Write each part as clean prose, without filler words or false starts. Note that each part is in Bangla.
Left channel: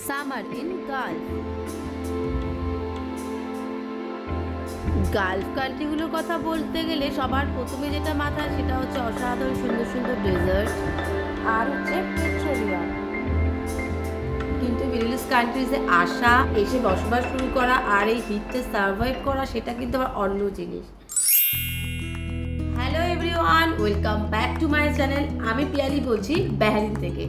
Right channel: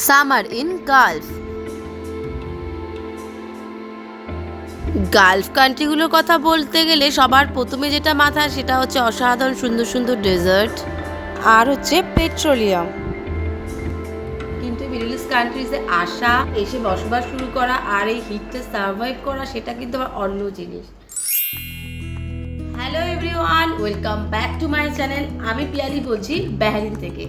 Summer in Gulf. গালফ কান্ট্রিগুলোর কথা বলতে গেলে সবার প্রথমে যেটা মাথায় সেটা হচ্ছে অসাধারণ সুন্দর সুন্দর ডেজার্ট আর হচ্ছে পেট্রোলিয়াম। কিন্তু মিডল ইস্ট কান্ট্রিজে আসা, এসে বসবাস শুরু করা আর এই হিটটা সার্ভাইভ করা সেটা কিন্তু আবার অন্য জিনিস। Hello everyone, welcome back to my channel. আমি পিয়ালি বলছি বাহরিন থেকে।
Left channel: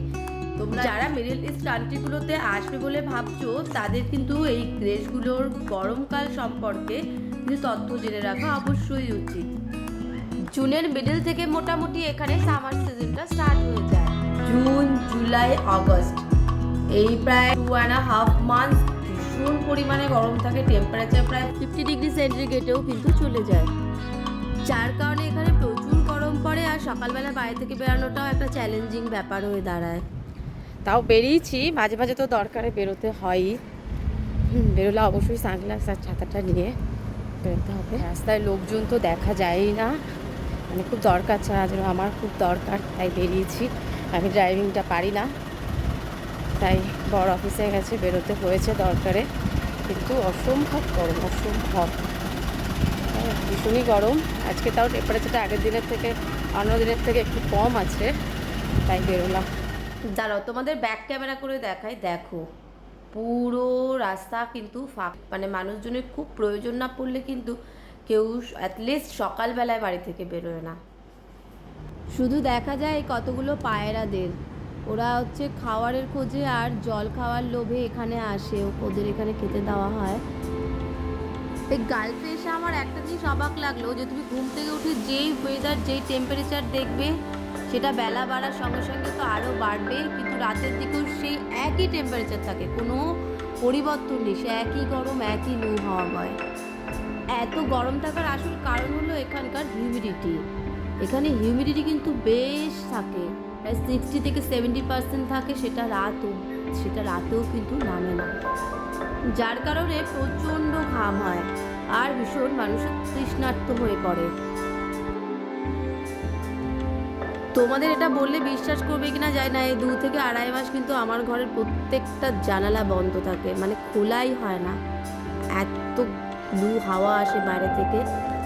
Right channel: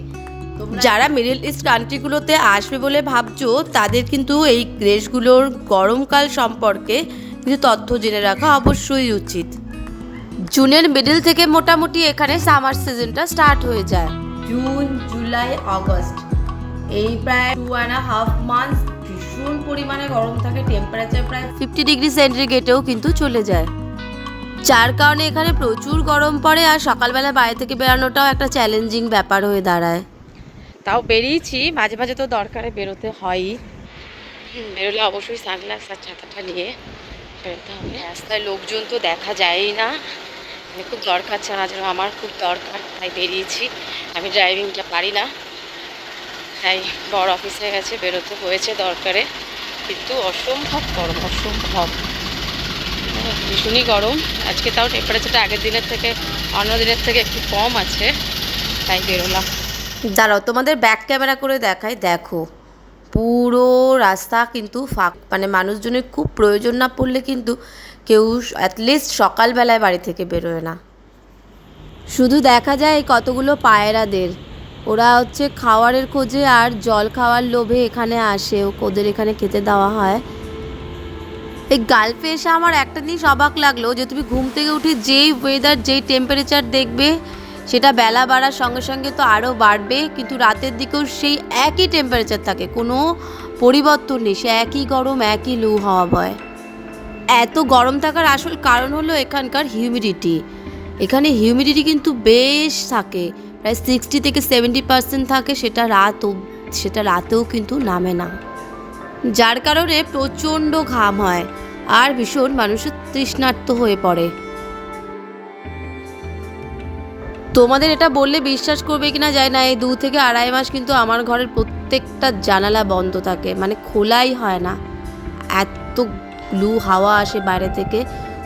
যারা মিডল ইস্ট কান্ট্রিগুলোতে আসবে বলে ভাবছো তাদের কিন্তু এই দেশগুলোর গরমকাল সম্পর্কে কিছু তথ্য জেনে রাখা অবশ্যই উচিত। জুনের মিডল থেকে মোটামুটি এখানে সামার সিজনটা স্টার্ট হয়ে যায়। জুন, জুলাই, আগস্ট এই প্রায় 2.5 মান্থস ভীষণ পরিমাণে গরম থাকে। টেম্পারেচার প্রায় 50 ডিগ্রি সেন্টিগ্রেডেও কিন্তু চলে যায়, যার কারণে এখানে প্রচুর গরম পড়ে আর সকালবেলা বাইরে থেকে বেরানোটাও একটা চ্যালেঞ্জিং ব্যাপার হয়ে দাঁড়ায়। তাও বেরিয়েছি, মাঝে মাঝে তো দরকারে বেরোতে হয়ই। বেরোলে অবশ্যই সানগ্লাস আর ছাতাটা নিয়ে বেরোতে হবে। রাস্তায় লোকজন তো দেখা যায়ই না, মানে খুব দরকার ছাড়া যেন আমার খুব দরকার, তাই বেরিয়েছি। আমি ড্রাইভিংটা পারি না, তাই বড় অফিসে গেছে বেরোতে হয়েছে দরকারে। কিন্তু অসম্ভব গরম, অসম্ভব ভীষণই গরম। আজকে তাও টেম্পারেচারটা আগের দিনের থেকে অন্য দিনের থেকে একটু কম আছে, তাই বেরোলাম। দাঁড়াও তোমাদের ব্যাক ক্যামেরা করে দেখাই। দেখো পুরো রাস্তা কিন্তু ফাঁক, মানে মানুষজনের খুব প্রয়োজন না পড়লে কিন্তু কেউ অ্যাটলিস্ট সকালবেলায় বাড়ি থেকে বেরোয় না। শুধু দেখা যায় এই কতগুলো পায়রাদের, ওরা হচ্ছে খাওয়ারের খোঁজে আর জল খাওয়ার লোভে এখানে আসে, ওদের এখানে খেতে দেওয়া হয়। এই গালফে এসে আমার একটা জিনিস অবাক লাগলো যে তুমি ঘুম থেকে উঠে যেই ওয়েদার, যেই টেম্পারেচার দেখবে সেটা বেলা বাড়ার সঙ্গে সঙ্গে তো আরও বাড়বে, কিন্তু রাতের দিকেও সেই একই টেম্পারেচার থাকে, কোনো পরিবর্তন নেই, সে একই গরম, একই লু হাওয়া বয়। এত গরম থাকার আসল কারণ হলো এখানকার হিউমিডিটি। এখানে হিউমিডিটি কিন্তু বেশ থাকে, প্রায় 60 থেকে 70% থাকে, সেটা রাতেও কিন্তু নামে না, যার কারণে প্রচণ্ড ঘাম হয় আর ভীষণ মানুষের তৃষ্ণার্ত হয়ে পড়ে। তোমাদের এটা বললে বিশ্বাস করবে কিনা যায় না, এই 2 থেকে আড়াই মাস কিন্তু আমার ঘরের প্রত্যেকটা জানালা বন্ধ থাকে, মানে খোলাই হয় না, এত লু হাওয়া আসে বাইরে থেকে।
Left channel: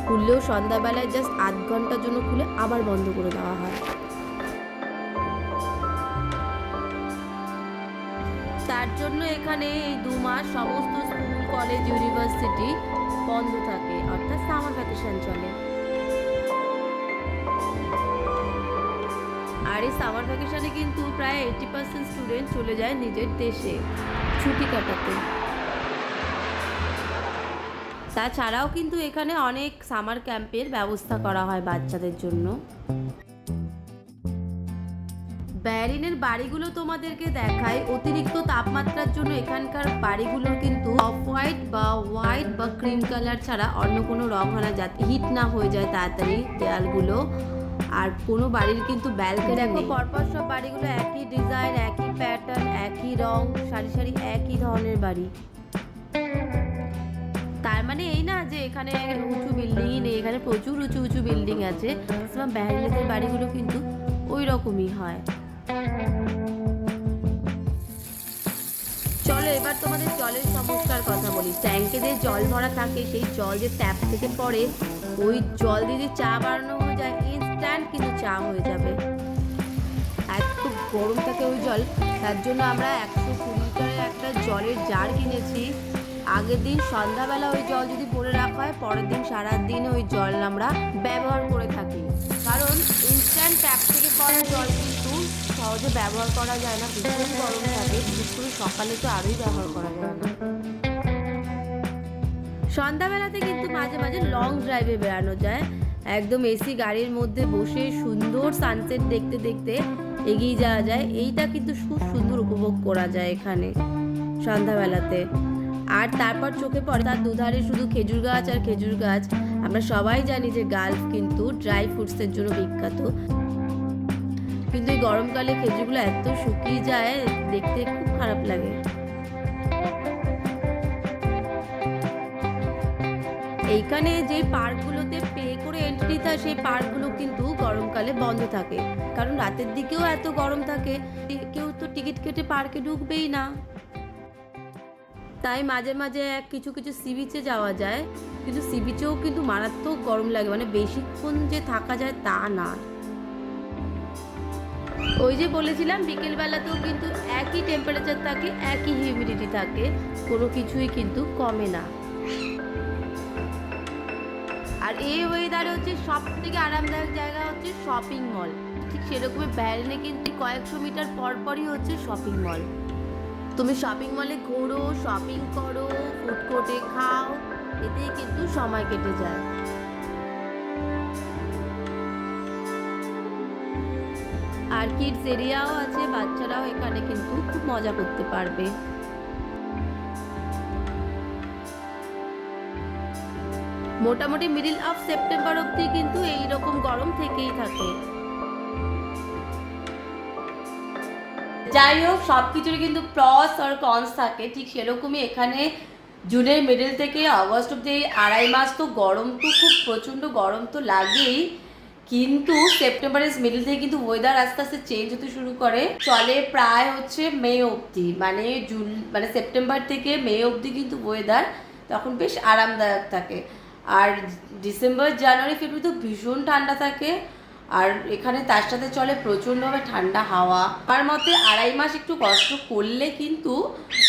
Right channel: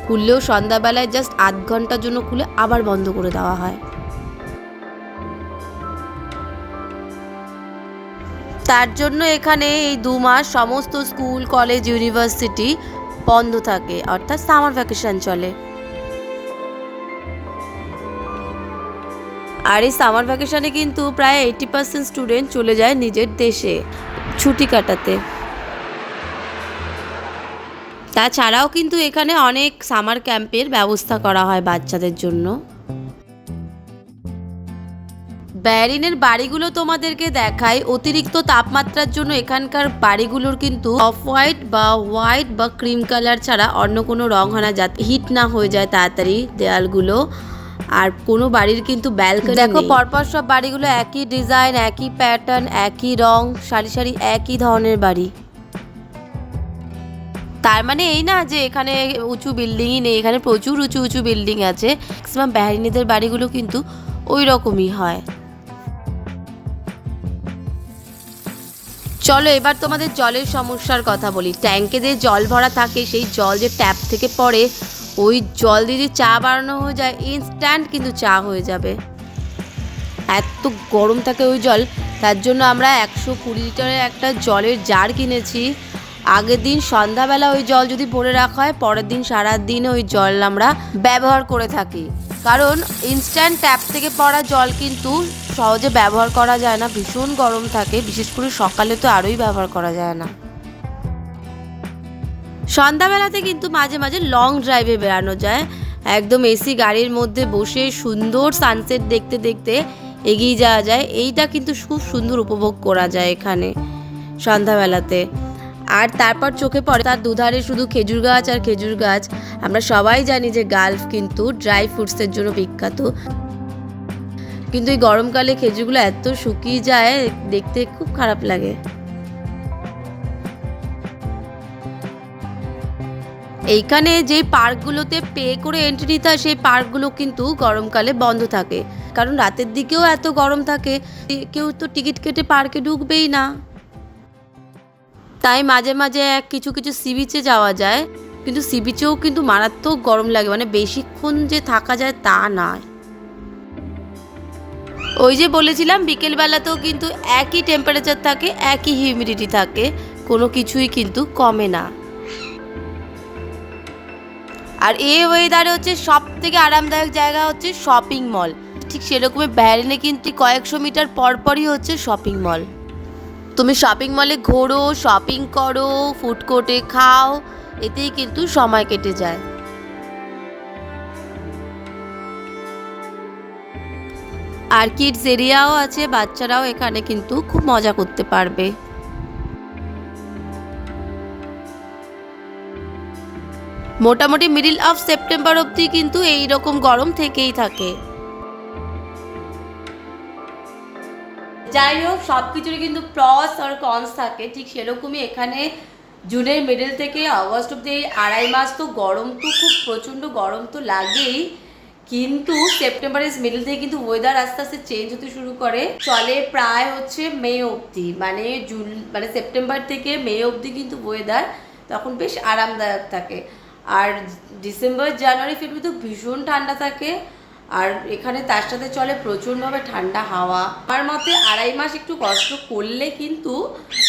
খুললেও সন্ধ্যাবেলায় জাস্ট আধ ঘন্টার জন্য খুলে আবার বন্ধ করে দেওয়া হয়। তার জন্য এখানে এই 2 মাস সমস্ত স্কুল, কলেজ, ইউনিভার্সিটি বন্ধ থাকে, অর্থাৎ সামার ভ্যাকেশন চলে। আর এই সামার ভ্যাকেশনে কিন্তু প্রায় 80% স্টুডেন্ট চলে যায় নিজের দেশে ছুটি কাটাতে। তাছাড়াও কিন্তু এখানে অনেক সামার ক্যাম্পের ব্যবস্থা করা হয় বাচ্চাদের জন্য। বাহরিনের বাড়িগুলো তোমাদেরকে দেখায়। অতিরিক্ত তাপমাত্রার জন্য এখানকার বাড়িগুলোর কিন্তু অফ হোয়াইট বা হোয়াইট বা ক্রিম কালার ছাড়া অন্য কোনো রং হয় না, যাতে হিট না হয়ে যায় তাড়াতাড়ি দেয়ালগুলো। আর কোনো বাড়ির কিন্তু ব্যালকনি দেখো, পরপর সব বাড়িগুলো একই ডিজাইন, একই প্যাটার্ন, একই রং, সারি সারি একই ধরনের বাড়ি। তার মানে এই না যে এখানে উঁচু বিল্ডিংই নেই, এখানে প্রচুর উঁচু উঁচু বিল্ডিং আছে। ম্যাক্সিমাম বাহরিনিদের বাড়িগুলো কিন্তু ওই রকমই হয়। চলো এবার তোমাদের জলের সমস্যার কথা বলি। ট্যাঙ্কে যে জল ভরা থাকে, সেই জল যে ট্যাপ থেকে পড়ে, ওই জল দিয়ে যদি চা বানানো হয়ে যায় ইনস্ট্যান্ট কিন্তু চা হয়ে যাবে, এত গরম থাকে ওই জল। তার জন্য আমরা 120 লিটারের একটা জলের জার কিনেছি। আগের দিন সন্ধ্যাবেলা ওই জল যদি ভরে রাখা হয়, পরের দিন সারাদিন ওই জল আমরা ব্যবহার করে থাকি, কারণ ইনস্ট্যান্ট ট্যাপ থেকে পড়া জল কিন্তু সহজে ব্যবহার করা যায় না, ভীষণ গরম থাকে, বিশেষ করে সকালে তো আরোই ব্যবহার করা যায় না। সন্ধ্যাবেলাতে কিন্তু মাঝে মাঝে লং ড্রাইভে বেরানো যায়, একদম এসি গাড়ির মধ্যে বসে সুন্দর সানসেট দেখতে দেখতে এগিয়ে যাওয়া যায়। এইটা কিন্তু খুব সুন্দর উপভোগ করা যায় এখানে সন্ধ্যাবেলাতে। আর তারপর চোখে পড়ে তার দুধারে শুধু খেজুর গাছ আর খেজুর গাছ। আমরা সবাই জানি যে গালফ কিন্তু ড্রাই ফ্রুটসের জন্য বিখ্যাত, কিন্তু এই গরমকালে খেজুরগুলো এত শুকিয়ে যায়, দেখতে খুব খারাপ লাগে। এইখানে যে পার্কগুলোতে পে করে এন্ট্রি নিতে হয়, সেই পার্কগুলো কিন্তু গরমকালে বন্ধ থাকে, কারণ রাতের দিকেও এত গরম থাকে, কেউ তো টিকিট কেটে পার্কে ঢুকবেই না। তাই মাঝে মাঝে কিছু কিছু সি বিচে যাওয়া যায়, কিন্তু সি বিচেও কিন্তু মারাত্মক গরম লাগে, মানে বেশিক্ষণ যে থাকা যায় তা নয়। ওই যে বলেছিলাম বিকেলবেলাতেও কিন্তু একই টেম্পারেচার থাকে, একই হিউমিডিটি থাকে, কোনো কিছুই কিন্তু কমে না। আর এই ওয়েদারে হচ্ছে সব থেকে আরামদায়ক জায়গা হচ্ছে শপিং মল। ঠিক সেরকমই ব্যারেনে কিন্তু কয়েকশো মিটার পরপরই হচ্ছে শপিং মল। তুমি শপিং মলে ঘোরো, শপিং করো, ফুড কোর্টে খাও, এতেই কিন্তু সময় কেটে যায়। আর কিডস এরিয়াও আছে, বাচ্চারাও এখানে কিন্তু খুব মজা করতে পারবে। মোটামুটি মিডল অফ সেপ্টেম্বর অবধি কিন্তু এই রকম গরম থেকেই থাকে। যাই হোক, সব কিছুরই কিন্তু প্রস আর কনস থাকে, ঠিক সেরকমই এখানে জুনের মিডল থেকে আগস্ট অব্দি 2.5 মাস তো গরম, তো খুব প্রচণ্ড গরম তো লাগেই, কিন্তু সেপ্টেম্বরের মিডল থেকে কিন্তু ওয়েদার আস্তে আস্তে চেঞ্জ হতে শুরু করে, চলে প্রায় হচ্ছে মে অবধি, মানে সেপ্টেম্বর থেকে মে অবধি কিন্তু ওয়েদার তখন বেশ আরামদায়ক থাকে। আর ডিসেম্বর জানুয়ারি ফেব্রুয়ারি তো ভীষণ ঠান্ডা থাকে, আর এখানে তার সাথে চলে প্রচণ্ডভাবে ঠান্ডা হাওয়া। আমার মতে 2.5 মাস একটু কষ্ট করলে কিন্তু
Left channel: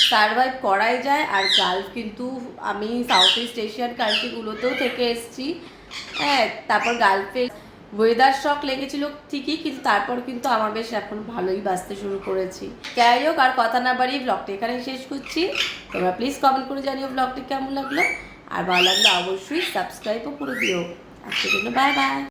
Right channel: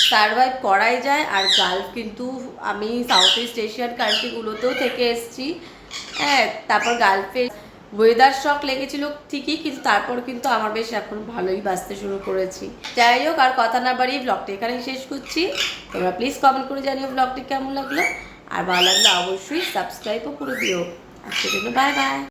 সারভাইভ করাই যায়। আর গালফ কিন্তু আমি সাউথ ইস্ট এশিয়ান কান্ট্রিগুলোতেও থেকে এসেছি, হ্যাঁ, তারপর গালফে ওয়েদার শক লেগেছিল ঠিকই, কিন্তু তারপর কিন্তু আমার বেশ এখন ভালোই বাঁচতে শুরু করেছি। যাই হোক, আর কথা না বাড়িয়ে ব্লগটা এখানেই শেষ করছি। তোমরা প্লিজ কমেন্ট করে জানিও ব্লগটি কেমন লাগলো, আর ভালো লাগলে অবশ্যই সাবস্ক্রাইবও করে দিও। আজকের জন্য বাই বাই।